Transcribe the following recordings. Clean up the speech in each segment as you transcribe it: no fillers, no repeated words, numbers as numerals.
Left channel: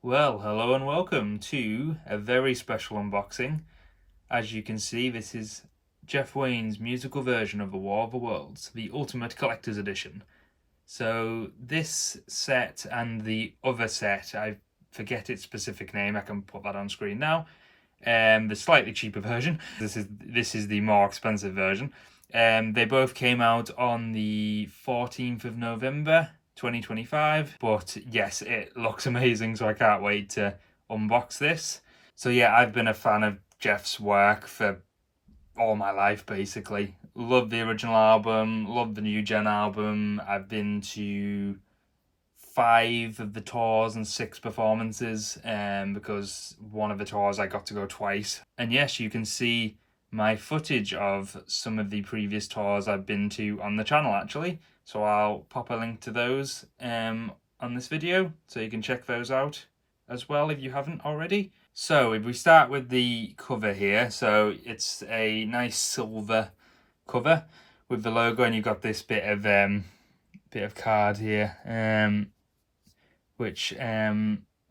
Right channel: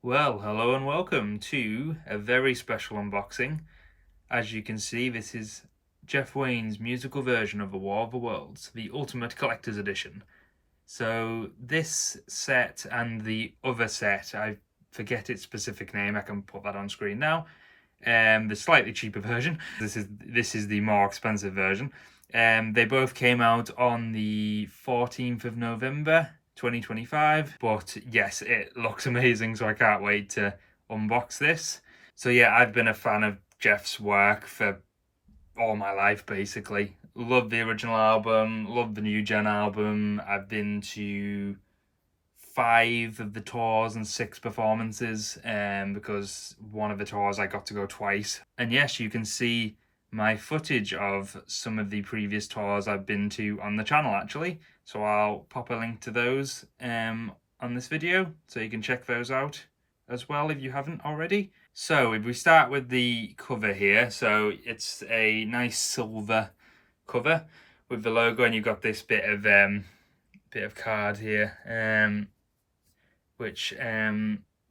Well, hello and welcome to a very special unboxing. As you can see, this is Jeff Wayne's musical version of The War of the Worlds, the Ultimate Collector's Edition. So this set and the other set, I forget its specific name, I can put that on screen now. The slightly cheaper version. This is the more expensive version. They both came out on the 14th of November 2025, but yes, it looks amazing, so I can't wait to unbox this. So yeah, I've been a fan of Jeff's work for all my life, basically. Love the original album, love the new gen album. I've been to 5 of the tours and 6 performances, because one of the tours I got to go twice. And yes, you can see my footage of some of the previous tours I've been to on the channel, actually. So I'll pop a link to those on this video, so you can check those out as well if you haven't already. So if we start with the cover here, so it's a nice silver cover with the logo, and you've got this bit of card here, which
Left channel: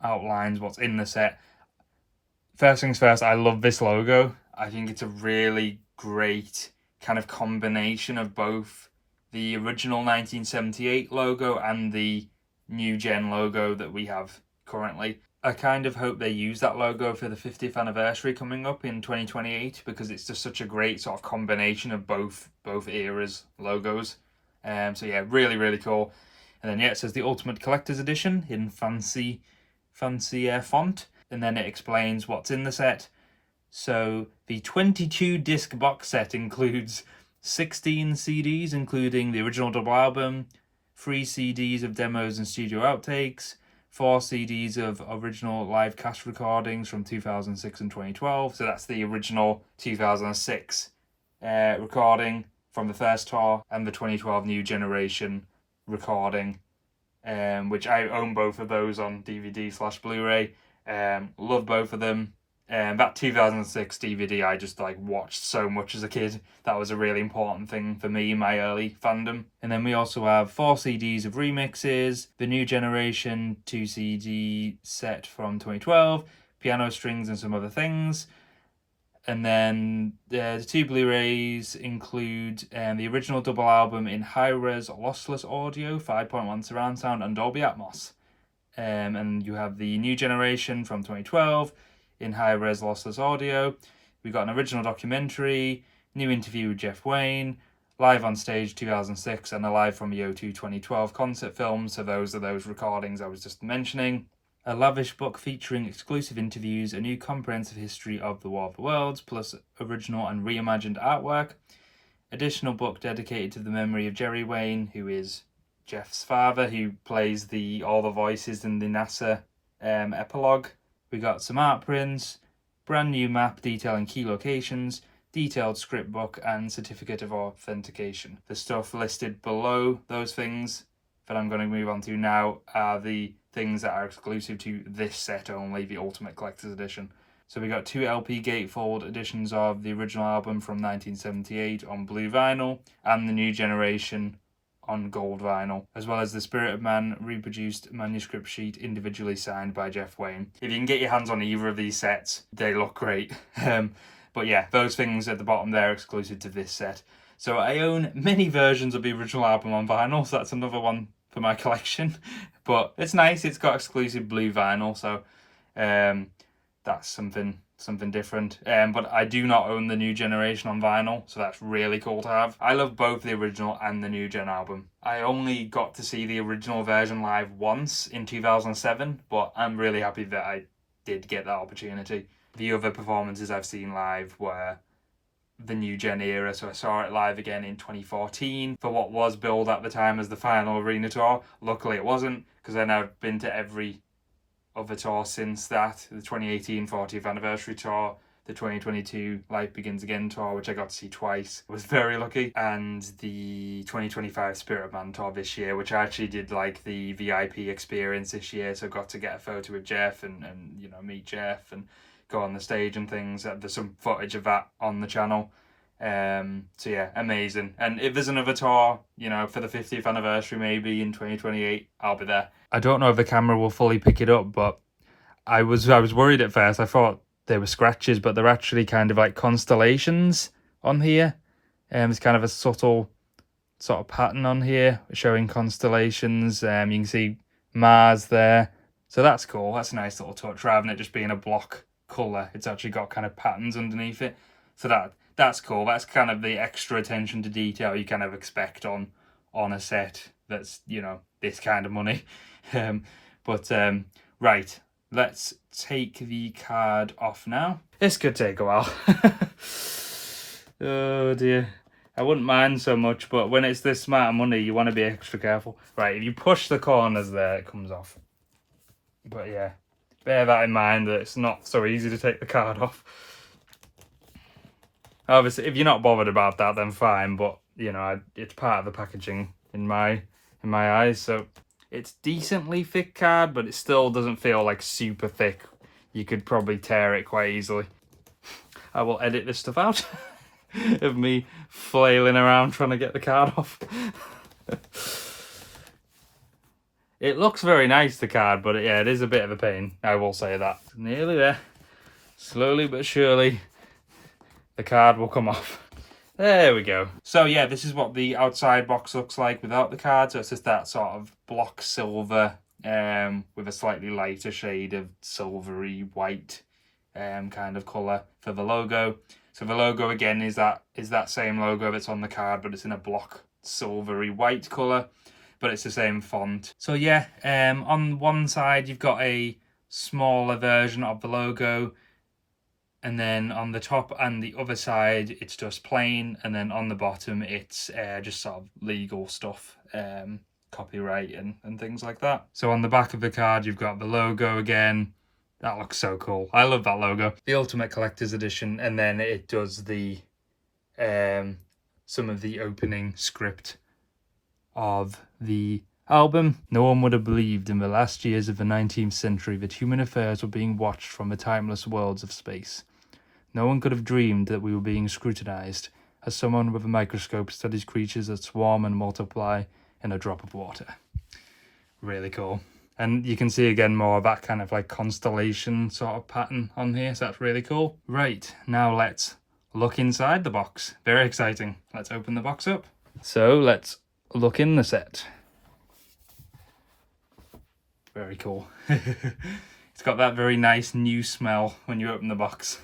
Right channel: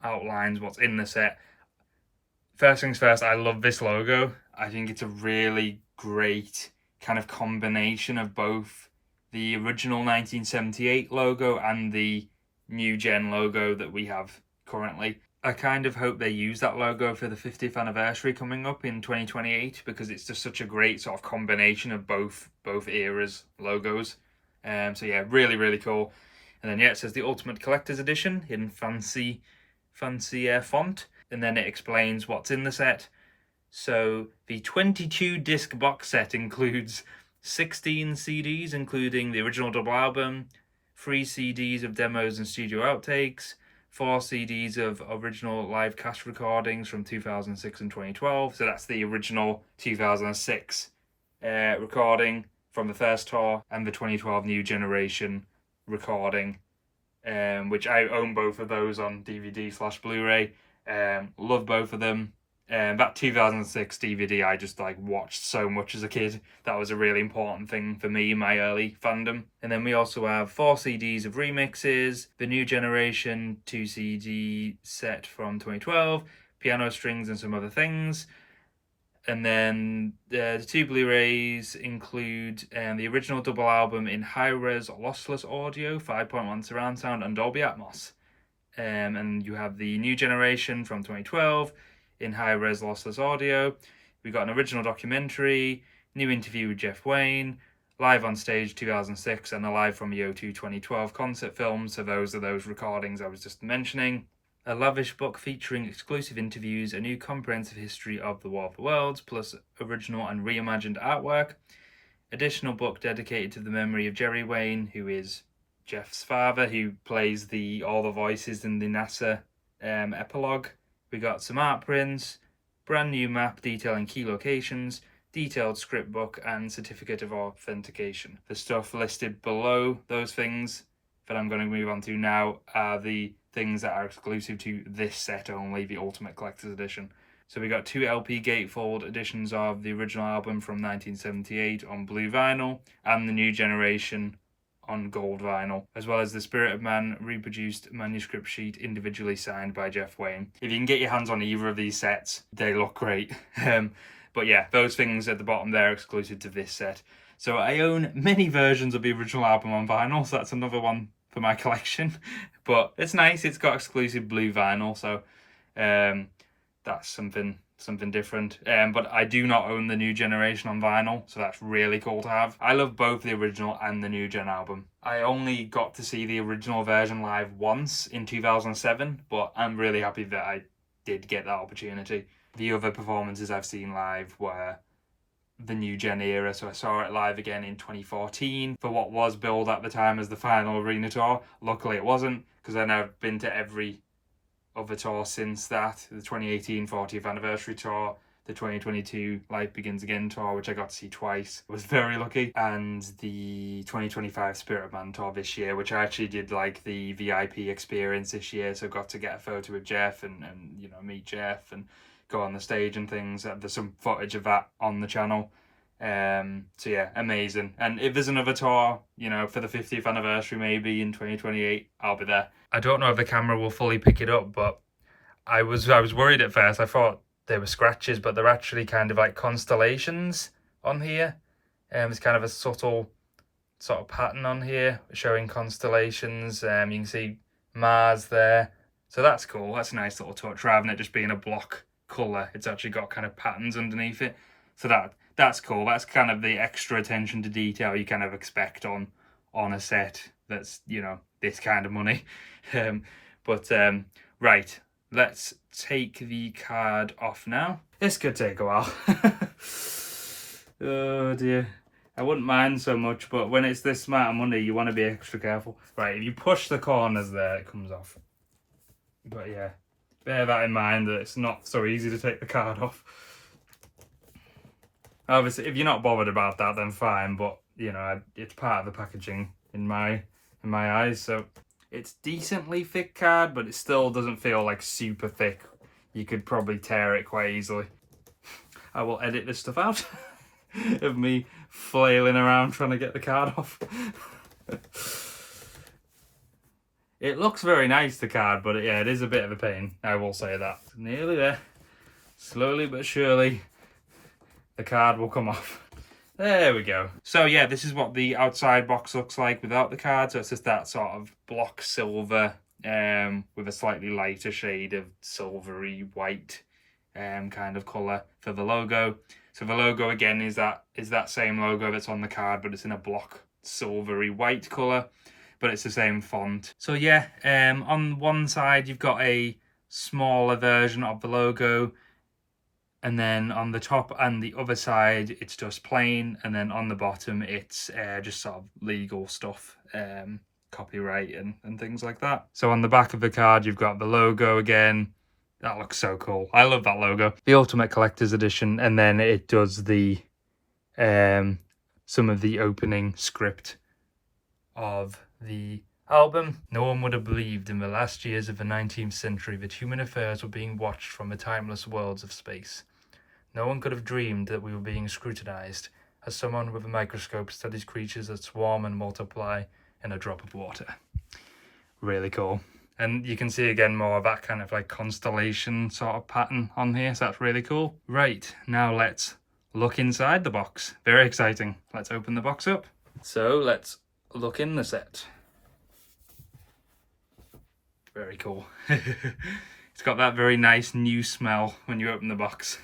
outlines what's in the set. First things first, I love this logo. I think it's a really great kind of combination of both the original 1978 logo and the new gen logo that we have currently. I kind of hope they use that logo for the 50th anniversary coming up in 2028, because it's just such a great sort of combination of both eras logos. So yeah, really cool. And then yeah, it says the Ultimate Collector's Edition in fancy font, and then it explains what's in the set. So the 22 disc box set includes 16 CDs, including the original double album, 3 CDs of demos and studio outtakes, 4 CDs of original live cast recordings from 2006 and 2012. So that's the original 2006 recording from the first tour, and the 2012 New Generation recording, which I own both of those on DVD/Blu-ray. Love both of them. That 2006 DVD I just watched so much as a kid. That was a really important thing for me in my early fandom. And then we also have 4 CDs of remixes, the New Generation 2 CD set from 2012, piano strings and some other things. And then the 2 Blu-rays include the original double album in high-res lossless audio, 5.1 surround sound and Dolby Atmos. And you have the New Generation from 2012 in high-res lossless audio. We got an original documentary, new interview with Jeff Wayne, live on stage 2006, and a live from the O2 2012 concert film. So those are those recordings I was just mentioning. A lavish book featuring exclusive interviews, a new comprehensive history of the War of the Worlds, plus original and reimagined artwork. Additional book dedicated to the memory of Jerry Wayne, who is Jeff's father, who plays all the voices in the NASA epilogue. We got some art prints, brand new map detailing key locations, detailed script book, and certificate of authentication. The stuff listed below those things that I'm going to move on to now are the things that are exclusive to this set only, the Ultimate Collector's Edition. So we got 2 LP gatefold editions of the original album from 1978 on blue vinyl, and the New Generation on gold vinyl, as well as the Spirit of Man reproduced manuscript sheet individually signed by Jeff Wayne. If you can get your hands on either of these sets, they look great. But yeah, those things at the bottom there are exclusive to this set. So I own many versions of the original album on vinyl, so that's another one for my collection. But it's nice, it's got exclusive blue vinyl, so that's something different. But I do not own the New Generation on vinyl, so that's really cool to have. I love both the original and the new gen album. I only got to see the original version live once in 2007, but I'm really happy that I did get that opportunity. The other performances I've seen live were the new gen era, so I saw it live again in 2014 for what was billed at the time as the final arena tour. Luckily it wasn't, because then I've been to every other tour since that. The 2018 40th anniversary tour, the 2022 Life Begins Again tour, which I got to see twice. I was very lucky. And the 2025 Spirit of Man tour this year, which I actually did the VIP experience this year, so got to get a photo with Jeff and meet Jeff and go on the stage and things. There's some footage of that on the channel. So yeah, amazing. And if there's another tour, for the 50th anniversary maybe in 2028, I'll be there. I don't know if the camera will fully pick it up, but I was worried at first. I thought they were scratches, but they're actually kind of like constellations on here. It's kind of a subtle sort of pattern on here showing constellations. You can see Mars there. So that's cool. That's a nice little touch. Rather than it just being a block colour, it's actually got kind of patterns underneath it. So that's cool. That's kind of the extra attention to detail you kind of expect on a set that's, you know, this kind of money. Right, let's take the card off now. This could take a while. Oh dear. I wouldn't mind so much, but when it's this amount of money, you want to be extra careful. Right, if you push the corners there, it comes off. But yeah, bear that in mind, that it's not so easy to take the card off. Obviously, if you're not bothered about that, then fine, but, you know, it's part of the packaging in my eyes. So it's decently thick card, but it still doesn't feel like super thick. You could probably tear it quite easily. I will edit this stuff out of me flailing around trying to get the card off. It looks very nice, the card, but yeah, it is a bit of a pain. I will say that. Nearly there. Slowly but surely, the card will come off. There we go. So yeah, this is what the outside box looks like without the card. So it's just that sort of block silver with a slightly lighter shade of silvery white kind of colour for the logo. So the logo again is that same logo that's on the card, but it's in a block silvery white colour, but it's the same font. So yeah, on one side you've got a smaller version of the logo, and then on the top and the other side it's just plain, and then on the bottom it's just sort of legal stuff, copyright and things like that. So on the back of the card you've got the logo again. That looks so cool. I love that logo. The Ultimate Collector's Edition, and then it does the some of the opening script of the album. No one would have believed in the last years of the 19th century that human affairs were being watched from the timeless worlds of space. No one could have dreamed that we were being scrutinized as someone with a microscope studies creatures that swarm and multiply in a drop of water. Really cool. And you can see again more of that kind of like constellation sort of pattern on here, so that's really cool. Right, now let's look inside the box. Very exciting. Let's open the box up. So let's look in the set. Very cool. It's got that very nice new smell when you open the box.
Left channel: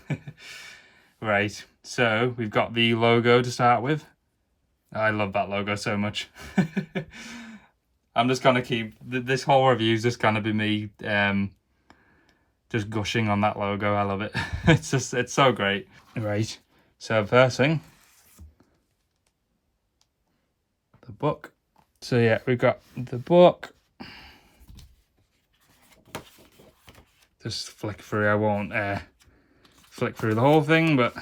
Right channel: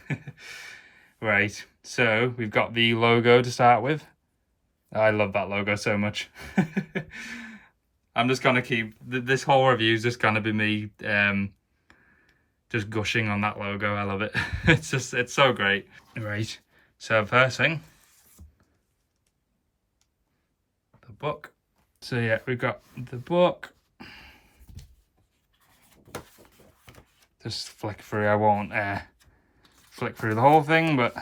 Right, so we've got the logo to start with. I love that logo so much. I'm just gonna keep this whole review is just gonna be me just gushing on that logo. I love it. It's so great. Right, so first thing, the book. So yeah, we've got the book. Just flick through. I won't flick through the whole thing, but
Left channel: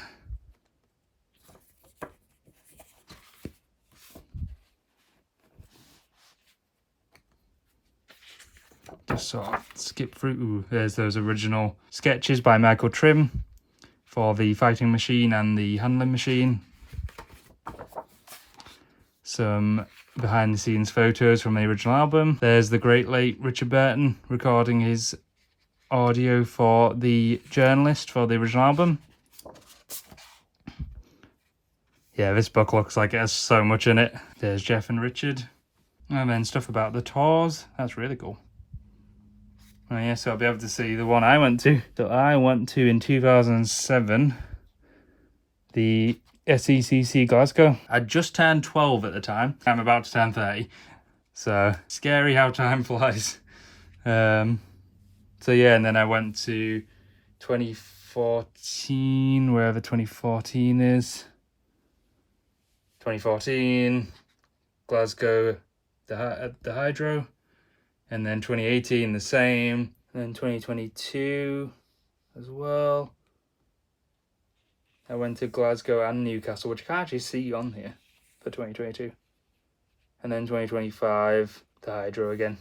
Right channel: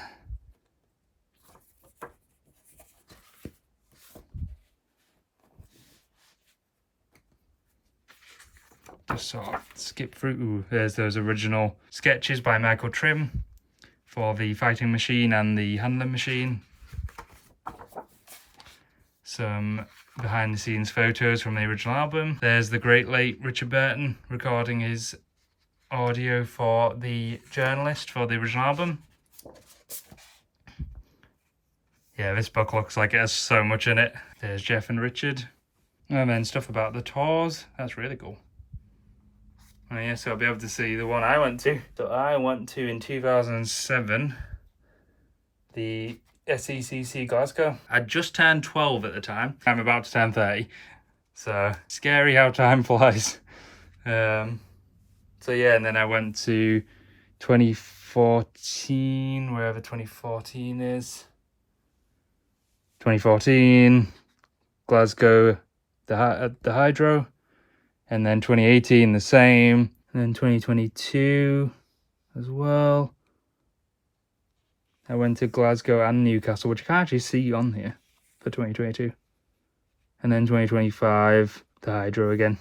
just sort of skip through. Ooh, there's those original sketches by Michael Trim for the fighting machine and the handling machine. Some behind the scenes photos from the original album. There's the great late Richard Burton recording his audio for the journalist for the original album. Yeah, this book looks like it has so much in it. There's Jeff and Richard. And then stuff about the tours. That's really cool. Oh yeah, so I'll be able to see the one I went to. So I went to in 2007, the SECC Glasgow. I just turned 12 at the time. I'm about to turn 30. So scary how time flies. So yeah, and then I went to 2014, wherever 2014 is. 2014, Glasgow, the Hydro. And then 2018, the same. And then 2022 as well. I went to Glasgow and Newcastle, which I can't actually see on here for 2022. And then 2025, the Hydro again.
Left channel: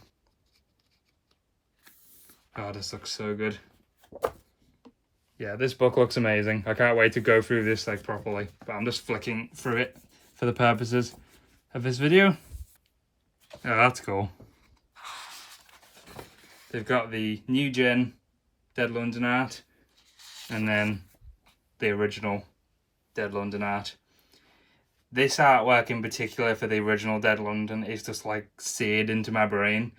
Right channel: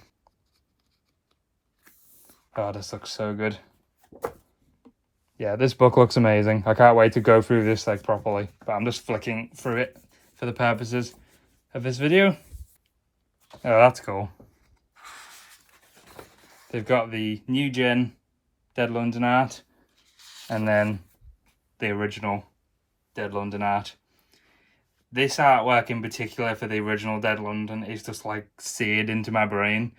Oh, this looks so good. Yeah, this book looks amazing. I can't wait to go through this like properly. But I'm just flicking through it for the purposes of this video. Oh, that's cool. They've got the new gen Dead London art, and then the original Dead London art. This artwork in particular for the original Dead London is just like seared into my brain.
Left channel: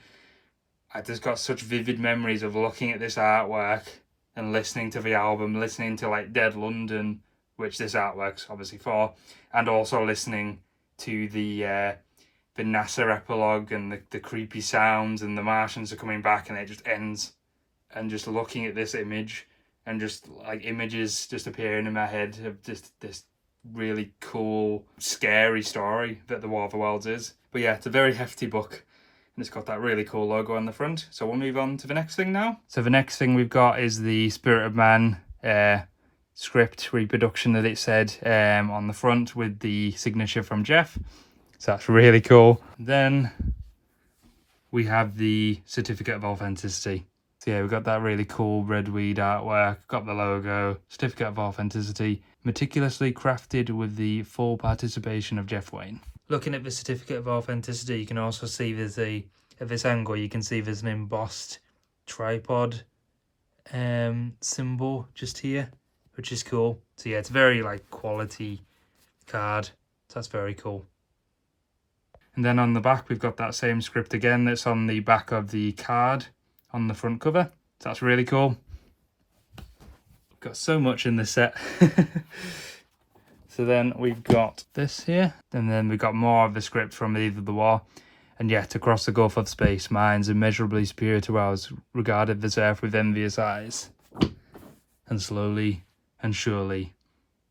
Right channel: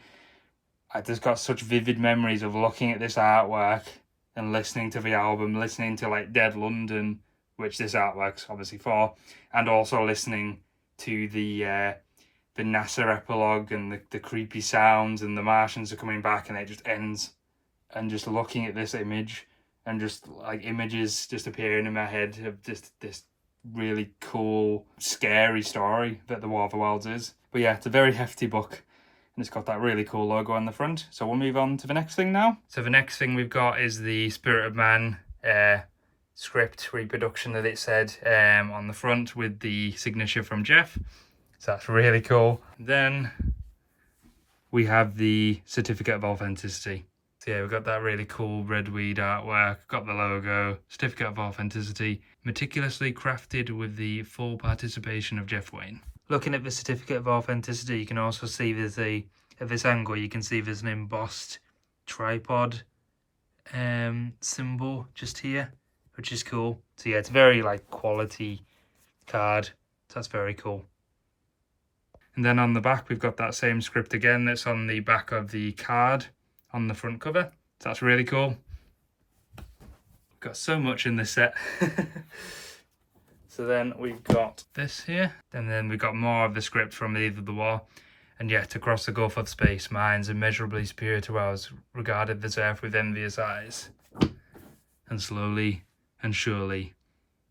I just got such vivid memories of looking at this artwork and listening to the album, listening to like Dead London, which this artwork's obviously for, and also listening to the NASA epilogue and the creepy sounds, and the Martians are coming back, and it just ends, and just looking at this image and just like images just appearing in my head of just this really cool, scary story that The War of the Worlds is. But yeah, it's a very hefty book, and it's got that really cool logo on the front. So we'll move on to the next thing now. So the next thing we've got is the Spirit of Man script reproduction that it said on the front with the signature from Jeff. So that's really cool. Then we have the certificate of authenticity. So yeah, we've got that really cool red weed artwork, got the logo, certificate of authenticity, meticulously crafted with the full participation of Jeff Wayne. Looking at the certificate of authenticity, you can also see there's at this angle, you can see there's an embossed tripod symbol just here, which is cool. So yeah, it's very like quality card. So that's very cool. And then on the back, we've got that same script again that's on the back of the card on the front cover. So that's really cool. Got so much in this set. So then we've got this here, and then we've got more of the script from Either the War. And yet, across the gulf of space, minds immeasurably superior to ours regarded this earth with envious eyes. And slowly and surely,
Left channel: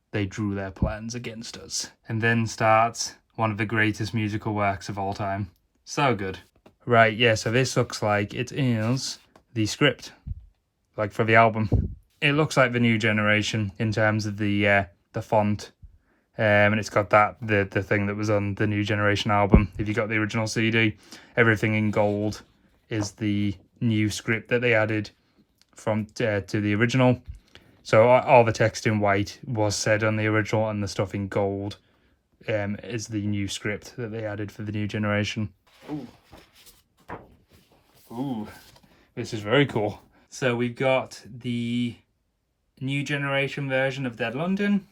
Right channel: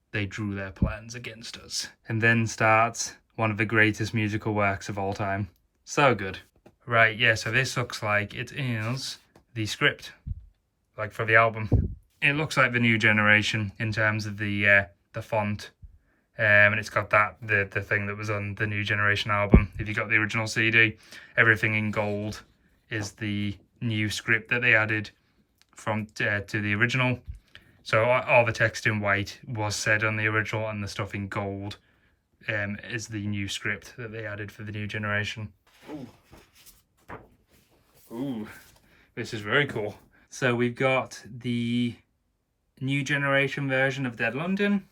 they drew their plans against us. And then starts one of the greatest musical works of all time. So good. Right, yeah, so this looks like it is the script, like for the album. It looks like the New Generation in terms of the font. And it's got that the thing that was on the New Generation album. If you got the original CD, everything in gold is the new script that they added from to the original. So all the text in white was said on the original, and the stuff in gold is the new script that they added for the New Generation. Ooh, this is very cool. So we've got the New Generation version of Dead London.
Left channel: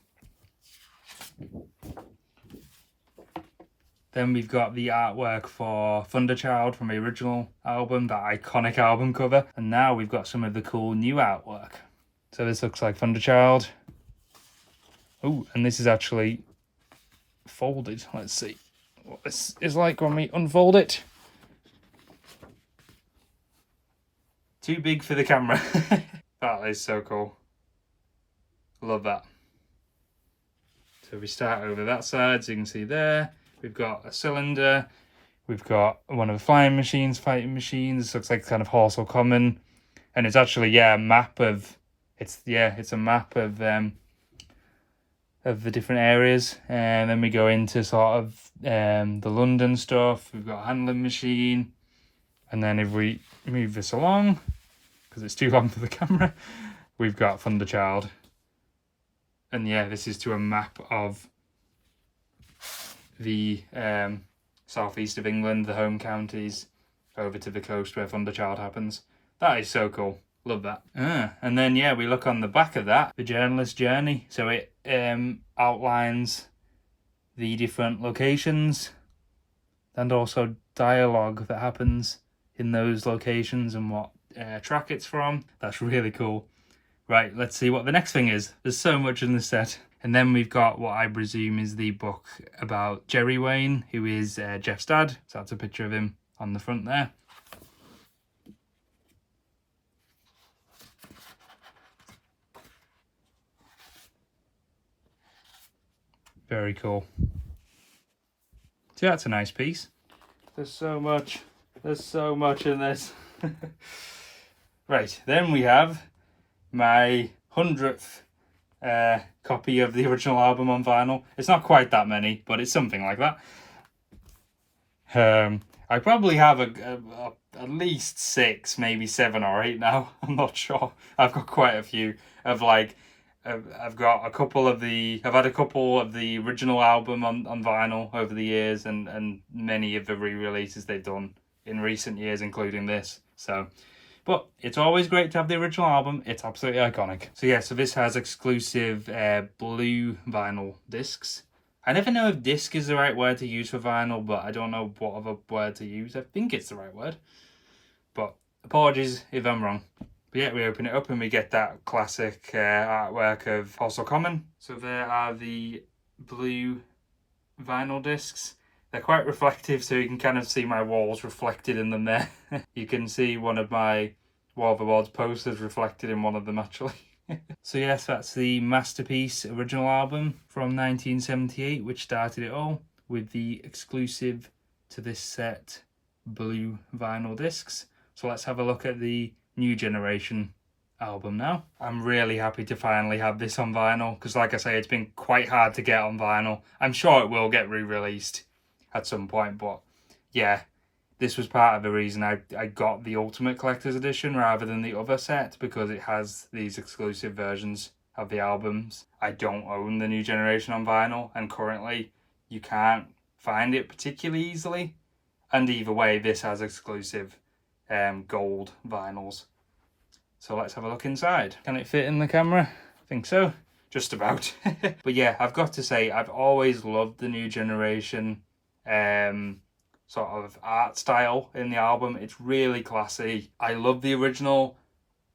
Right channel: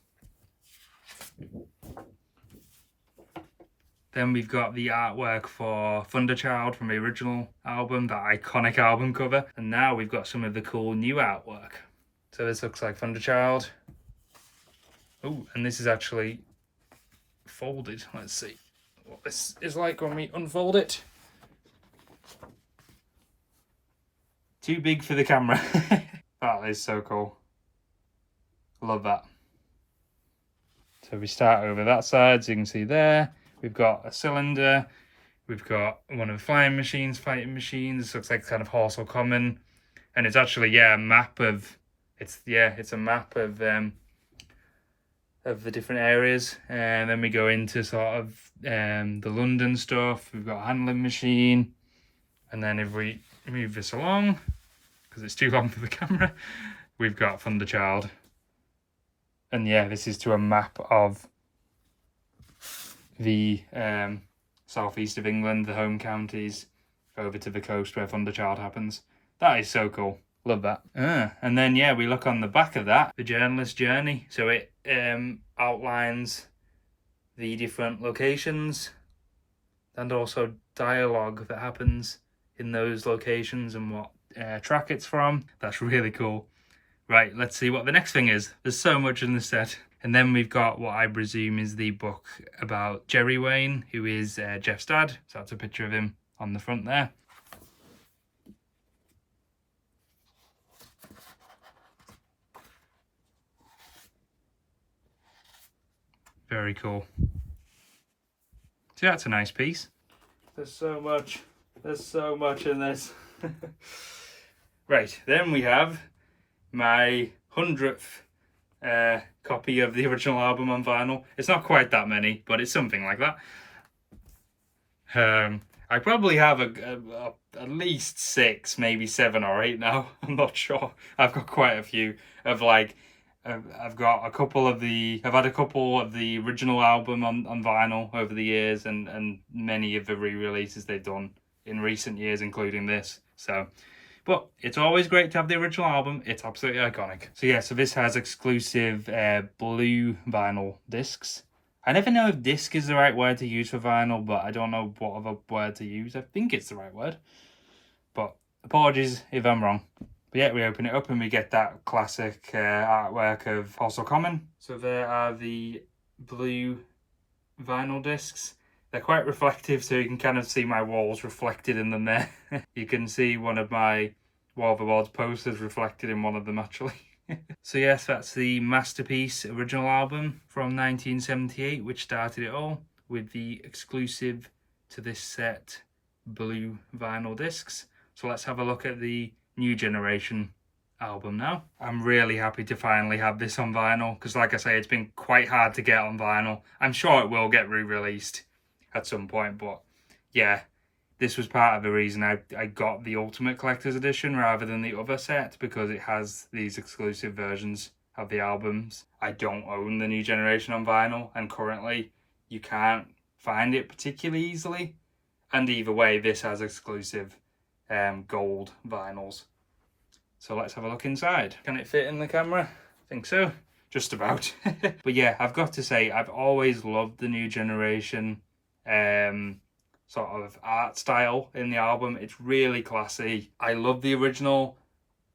Then we've got the artwork for Thunderchild from the original album, that iconic album cover. And now we've got some of the cool new artwork. So this looks like Thunderchild. Oh, and this is actually folded. Let's see what this is like when we unfold it. Too big for the camera. That is so cool. Love that. So we start over that side, so you can see there. We've got a cylinder. We've got one of the flying machines, fighting machines. This looks like kind of Horsell Common. And it's actually, yeah, a map of... It's a map of the different areas. And then we go into sort of the London stuff. We've got a handling machine. And then if we move this along, because it's too long for the camera, we've got Thunderchild. And yeah, this is to a map of the southeast of England, the home counties, over to the coast where Thunderchild happens. That is so cool. Love that. And then, yeah, we look on the back of that, the journalist's journey. So it outlines the different locations and also dialogue that happens in those locations and what track it's from. That's really cool. Right, let's see what the next thing is. There's so much in this set. And then we've got what I presume is the book about Jerry Wayne, who is Jeff's dad. So that's a picture of him on the front there. Very cool. So that's a nice piece. There's so much in this. Right, then we have my 100th copy of the original album on vinyl. It's not quite that many, but it's something like that. I probably have at least 6, maybe 7 or 8 now. I'm not sure. I've got quite a few of like, I've had a couple of the original album on vinyl over the years, and many of the re-releases they've done in recent years, including this. So, But it's always great to have the original album. It's absolutely iconic. So yeah, so this has exclusive blue vinyl discs. I never know if disc is the right word to use for vinyl, but I don't know what other word to use. I think it's the right word. But apologies if I'm wrong. But yeah, we open it up and we get that classic artwork of Also Common. So there are the blue vinyl discs. They're quite reflective, so you can kind of see my walls reflected in them there. You can see one of my War of the Worlds posters reflected in one of them, actually. So yes, that's the Masterpiece original album from 1978, which started it all, with the exclusive to this set blue vinyl discs. So let's have a look at the New Generation album now. I'm really happy to finally have this on vinyl, because like I say, it's been quite hard to get on vinyl. I'm sure it will get re-released at some point, but yeah, this was part of the reason I got the Ultimate Collector's Edition rather than the other set, because it has these exclusive versions of the albums. I don't own the New Generation on vinyl, and currently you can't find it particularly easily, and either way this has exclusive gold vinyls. So let's have a look inside. Can it fit in the camera? I think so, just about. But yeah, I've got to say, I've always loved the New Generation sort of art style in the album. It's really classy. I love the original.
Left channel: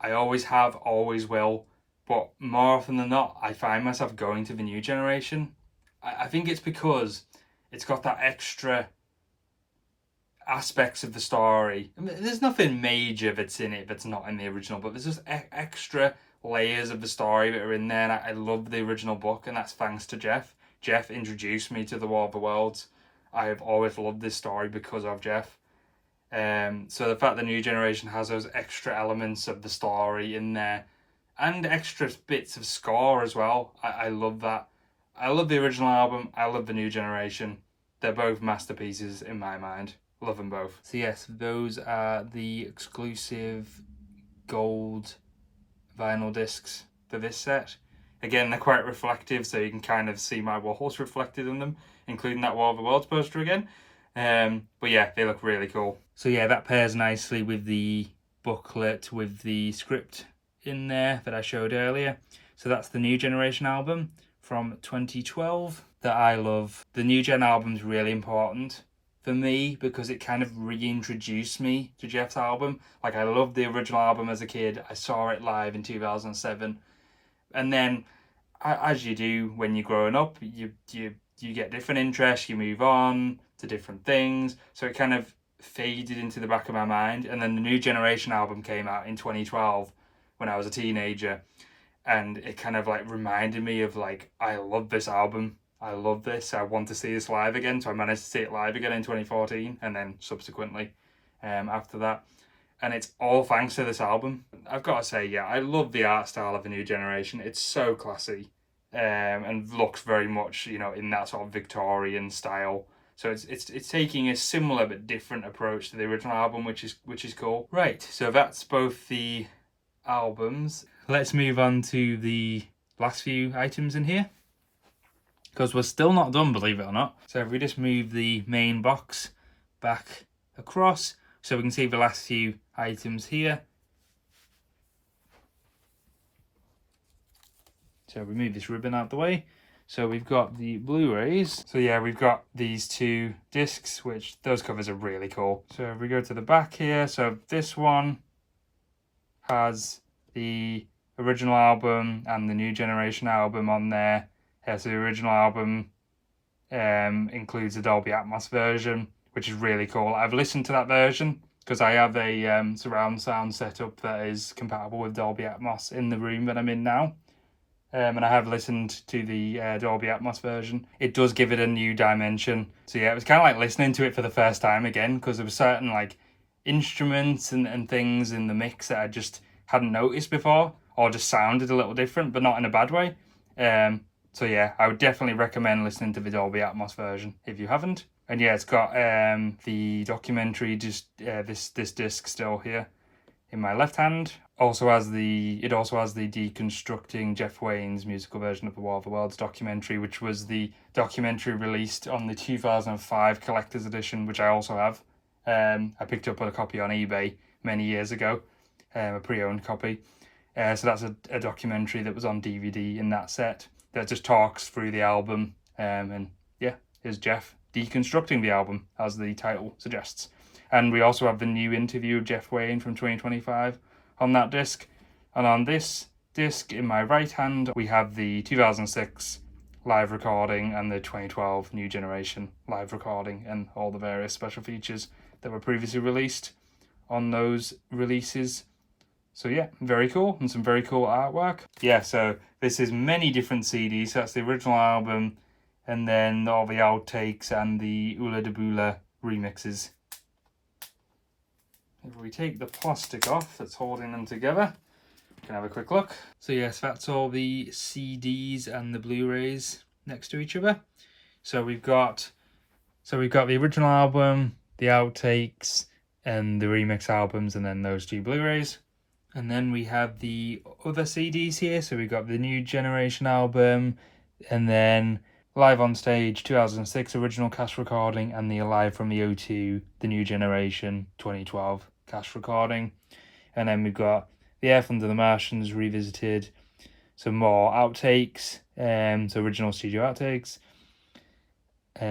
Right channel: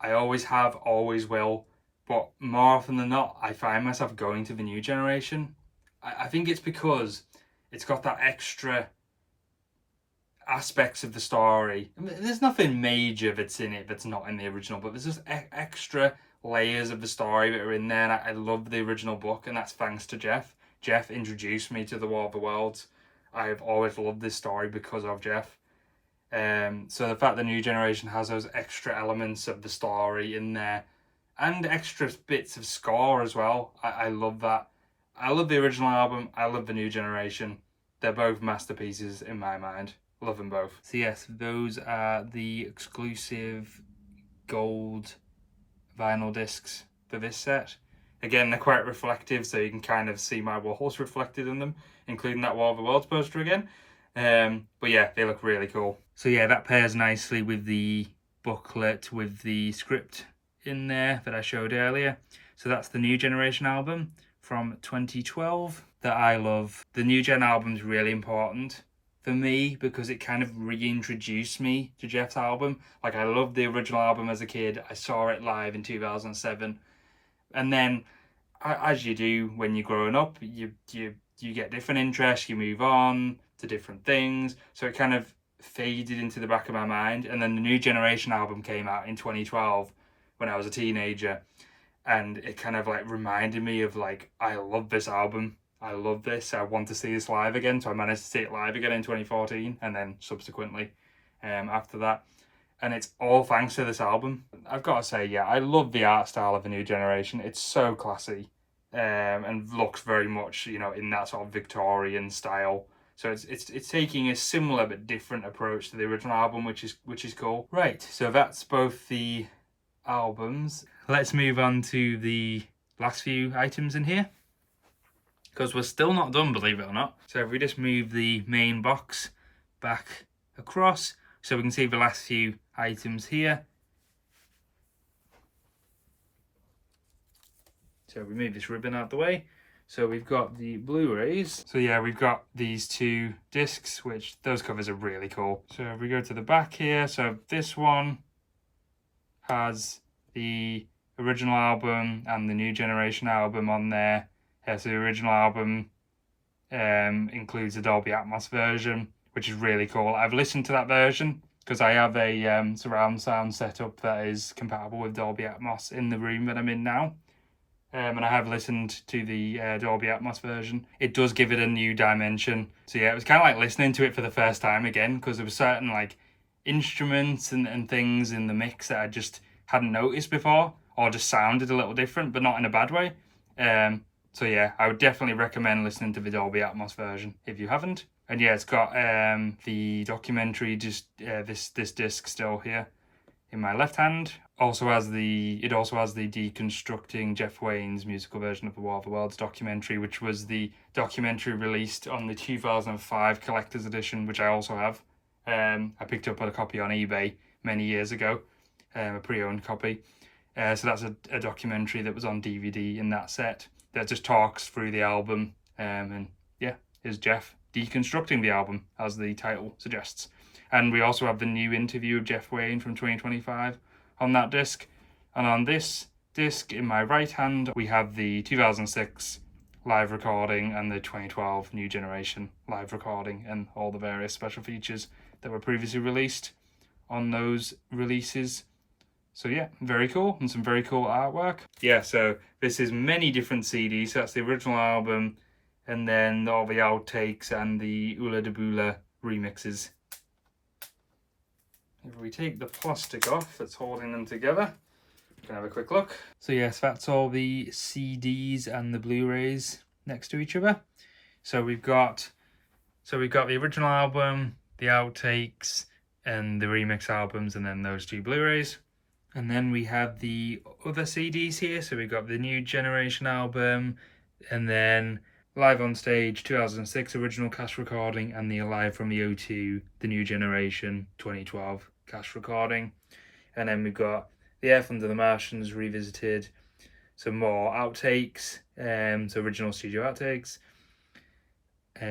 I always have, always will. But more often than not, I find myself going to the New Generation. I think it's because it's got that extra aspects of the story. I mean, there's nothing major that's in it that's not in the original, but there's just extra layers of the story that are in there, and I love the original book, and that's thanks to Jeff. Jeff introduced me to the War of the Worlds. I have always loved this story because of Jeff. So the fact the New Generation has those extra elements of the story in there, and extra bits of score as well, I love that. I love the original album, I love the New Generation. They're both masterpieces in my mind. Love them both. So yes, those are the exclusive gold vinyl discs for this set. Again, they're quite reflective, so you can kind of see my walls reflected in them, including that War of the Worlds poster again. But yeah, they look really cool. So yeah, that pairs nicely with the booklet with the script in there that I showed earlier. So that's the New Generation album from 2012 that I love. The New Gen album's really important for me because it kind of reintroduced me to Jeff's album. Like, I loved the original album as a kid. I saw it live in 2007. And then, as you do when you're growing up, you get different interests, you move on to different things. So it kind of faded into the back of my mind. And then the New Generation album came out in 2012 when I was a teenager. And it kind of like reminded me of like, I love this album. I love this. I want to see this live again. So I managed to see it live again in 2014 and then subsequently after that. And it's all thanks to this album. I've got to say, yeah, I love the art style of the New Generation. It's so classy and looks very much, you know, in that sort of Victorian style. So it's taking a similar but different approach to the original album, which is cool. Right, so that's both the albums. Let's move on to the last few items in here, because we're still not done, believe it or not. So if we just move the main box back across, so we can see the last few items here. So we move this ribbon out the way. So we've got the Blu-rays. So yeah, we've got these two discs, which those covers are really cool. So if we go to the back here, so this one has the original album and the New Generation album on there. Yeah, so the original album includes a Dolby Atmos version, which is really cool. I've listened to that version because I have a surround sound setup that is compatible with Dolby Atmos in the room that I'm in now. And I have listened to the Dolby Atmos version. It does give it a new dimension. So yeah, it was kind of like listening to it for the first time again, because there were certain like instruments and things in the mix that I just hadn't noticed before, or just sounded a little different, but not in a bad way. So yeah, I would definitely recommend listening to the Dolby Atmos version if you haven't. And yeah, it's got the documentary, just this disc still here in my left hand. It also has the Deconstructing Jeff Wayne's musical version of the War of the Worlds documentary, which was the documentary released on the 2005 collector's edition, which I also have. I picked up a copy on eBay many years ago. a pre-owned copy. So that's a documentary that was on DVD in that set that just talks through the album. And yeah, here's Jeff deconstructing the album, as the title suggests. And we also have the new interview of Jeff Wayne from 2025 on that disc. And on this disc, in my right hand, we have the 2006 live recording and the 2012 New Generation live recording and all the various special features that were previously released on those releases. So yeah, very cool, and some very cool artwork. Yeah, so this is many different CDs. So that's the original album, and then all the outtakes and the Ula de Bula remixes. If we take the plastic off that's holding them together, you can have a quick look. So yes, that's all the CDs and the Blu-rays next to each other. So we've got the original album, the outtakes, and the remix albums, and then those two Blu-rays. And then we have the other CDs here. So we've got the New Generation album, and then Live on Stage 2006 original cast recording, and the Alive from the O2, the New Generation 2012 cast recording. And then we've got the Earth Under the Martians revisited, some more outtakes, so original studio outtakes,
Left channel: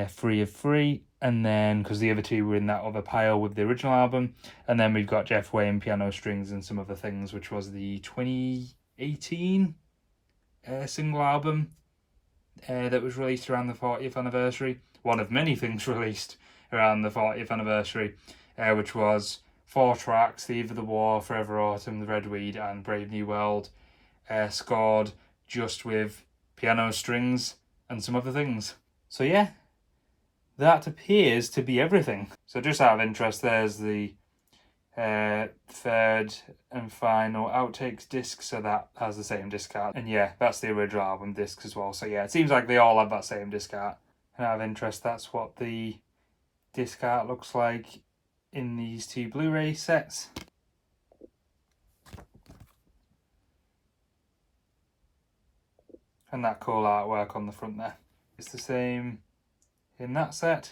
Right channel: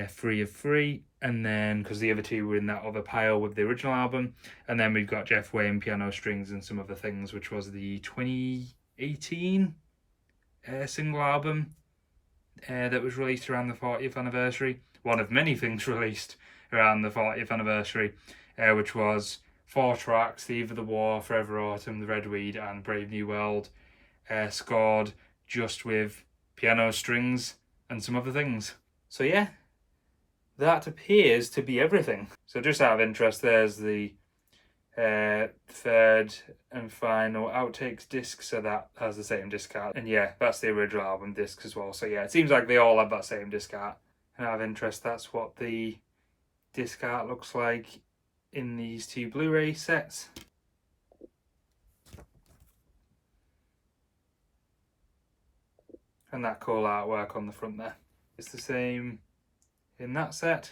3 of 3, and then because the other two were in that other pile with the original album. And then we've got Jeff Wayne piano strings and some other things, which was the 2018 single album that was released around the 40th anniversary. One of many things released around the 40th anniversary, which was 4 tracks: The Eve of the War, Forever Autumn, The Red Weed, and Brave New World, scored just with piano strings and some other things. So yeah, that appears to be everything. So just out of interest, there's the third and final outtakes disc, so that has the same disc art. And yeah, that's the original album disc as well. So yeah, it seems like they all have that same disc art. And out of interest, that's what the disc art looks like in these two Blu-ray sets. And that cool artwork on the front there. It's the same in that set.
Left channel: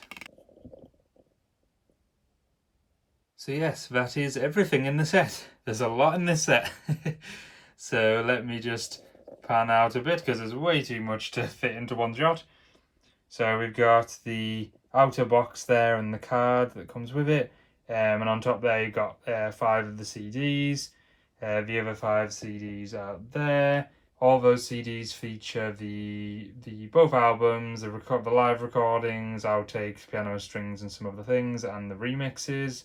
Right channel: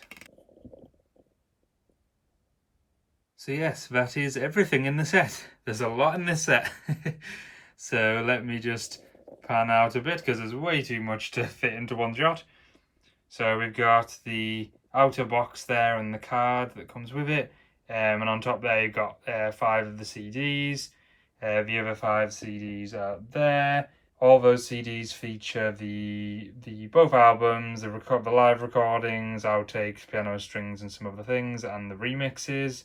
So yes, that is everything in the set. There's a lot in this set. So let me just pan out a bit because there's way too much to fit into one shot. So we've got the outer box there and the card that comes with it. And on top there you've got 5 of the CDs. The other 5 CDs are there. All those CDs feature the both albums, the live recordings, outtakes, piano strings, and some other things, and the remixes.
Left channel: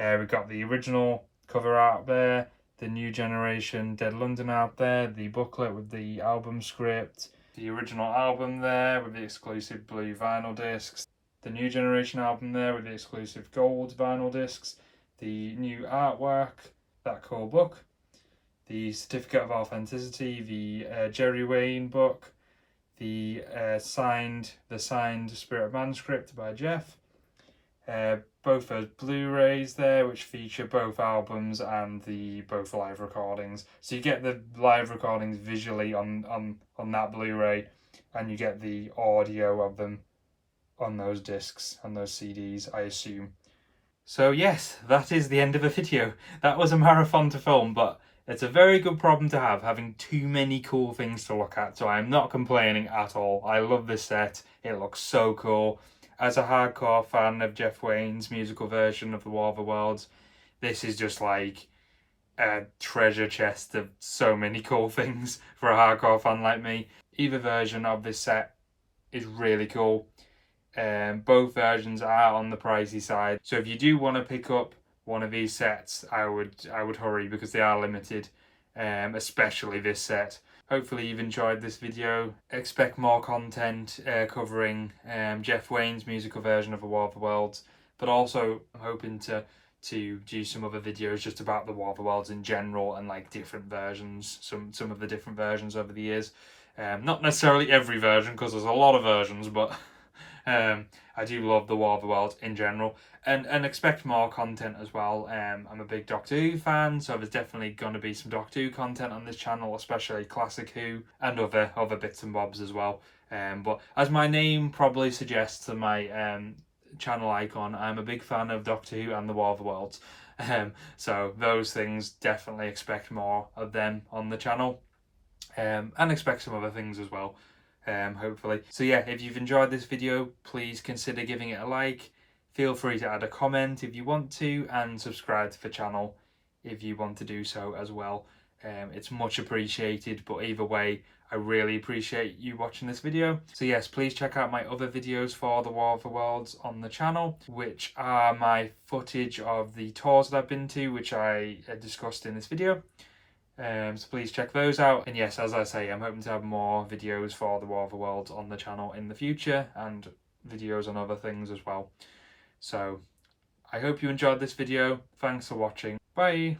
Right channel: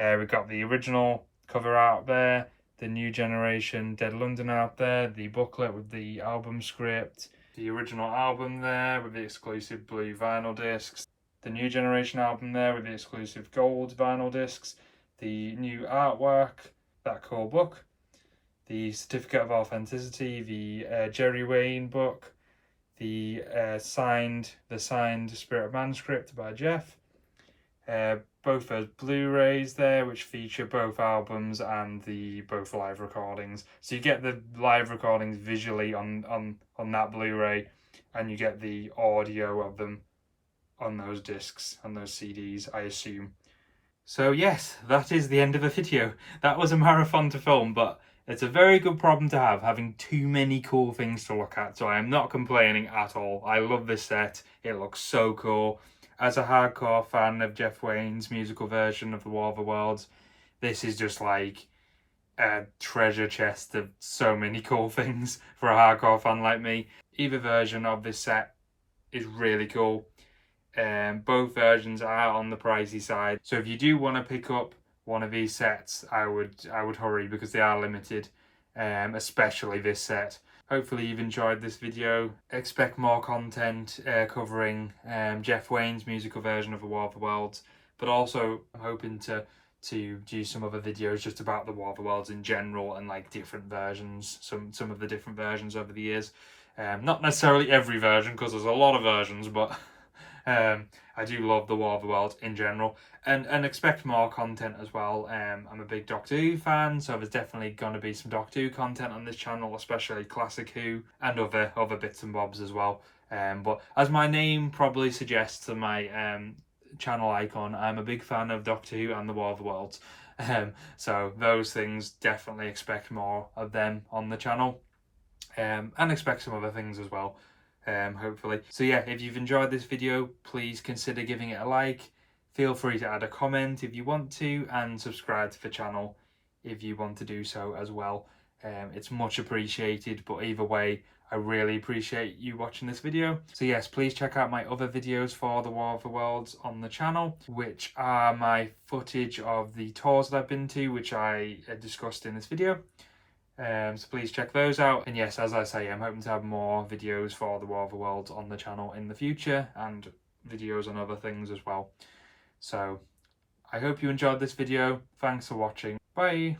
We've got the original cover art there, the New Generation Dead London art there, the booklet with the album script, the original album there with the exclusive blue vinyl discs, the New Generation album there with the exclusive gold vinyl discs, the new artwork, that cool book, the certificate of authenticity, the Jerry Wayne book, the signed Spirit of Manuscript by Jeff, both those Blu-rays there, which feature both albums and both live recordings. So you get the live recordings visually on that Blu-ray, and you get the audio of them on those discs, on those CDs, I assume. So yes, that is the end of the video. That was a marathon to film, but it's a very good problem to have, having too many cool things to look at. So I am not complaining at all. I love this set. It looks so cool. As a hardcore fan of Jeff Wayne's musical version of The War of the Worlds, this is just like a treasure chest of so many cool things for a hardcore fan like me. Either version of this set is really cool. Both versions are on the pricey side. So if you do want to pick up one of these sets, I would hurry because they are limited, especially this set. Hopefully you've enjoyed this video. Expect more content covering Jeff Wayne's musical version of The War of the Worlds, but also I'm hoping to do some other videos just about The War of the Worlds in general and like different versions, some of the different versions over the years. Not necessarily every version because there's a lot of versions, but I do love The War of the Worlds in general, and expect more content as well. I'm a big Doctor Who fan, so there's definitely going to be some Doctor Who content on this channel, especially Classic Who and other bits and bobs as well. But as my name probably suggests and my channel icon, I'm a big fan of Doctor Who and The War of the Worlds. So those things, definitely expect more of them on the channel, and expect some other things as well, hopefully. So yeah, if you've enjoyed this video, please consider giving it a like. Feel free to add a comment if you want to, and subscribe to the channel if you want to do so as well. It's much appreciated, but either way, I really appreciate you watching this video. So yes, please check out my other videos for the War of the Worlds on the channel, which are my footage of the tours that I've been to, which I discussed in this video. So please check those out. And yes, as I say, I'm hoping to have more videos for the War of the Worlds on the channel in the future, and videos on other things as well. So I hope you enjoyed this video. Thanks for watching. Bye!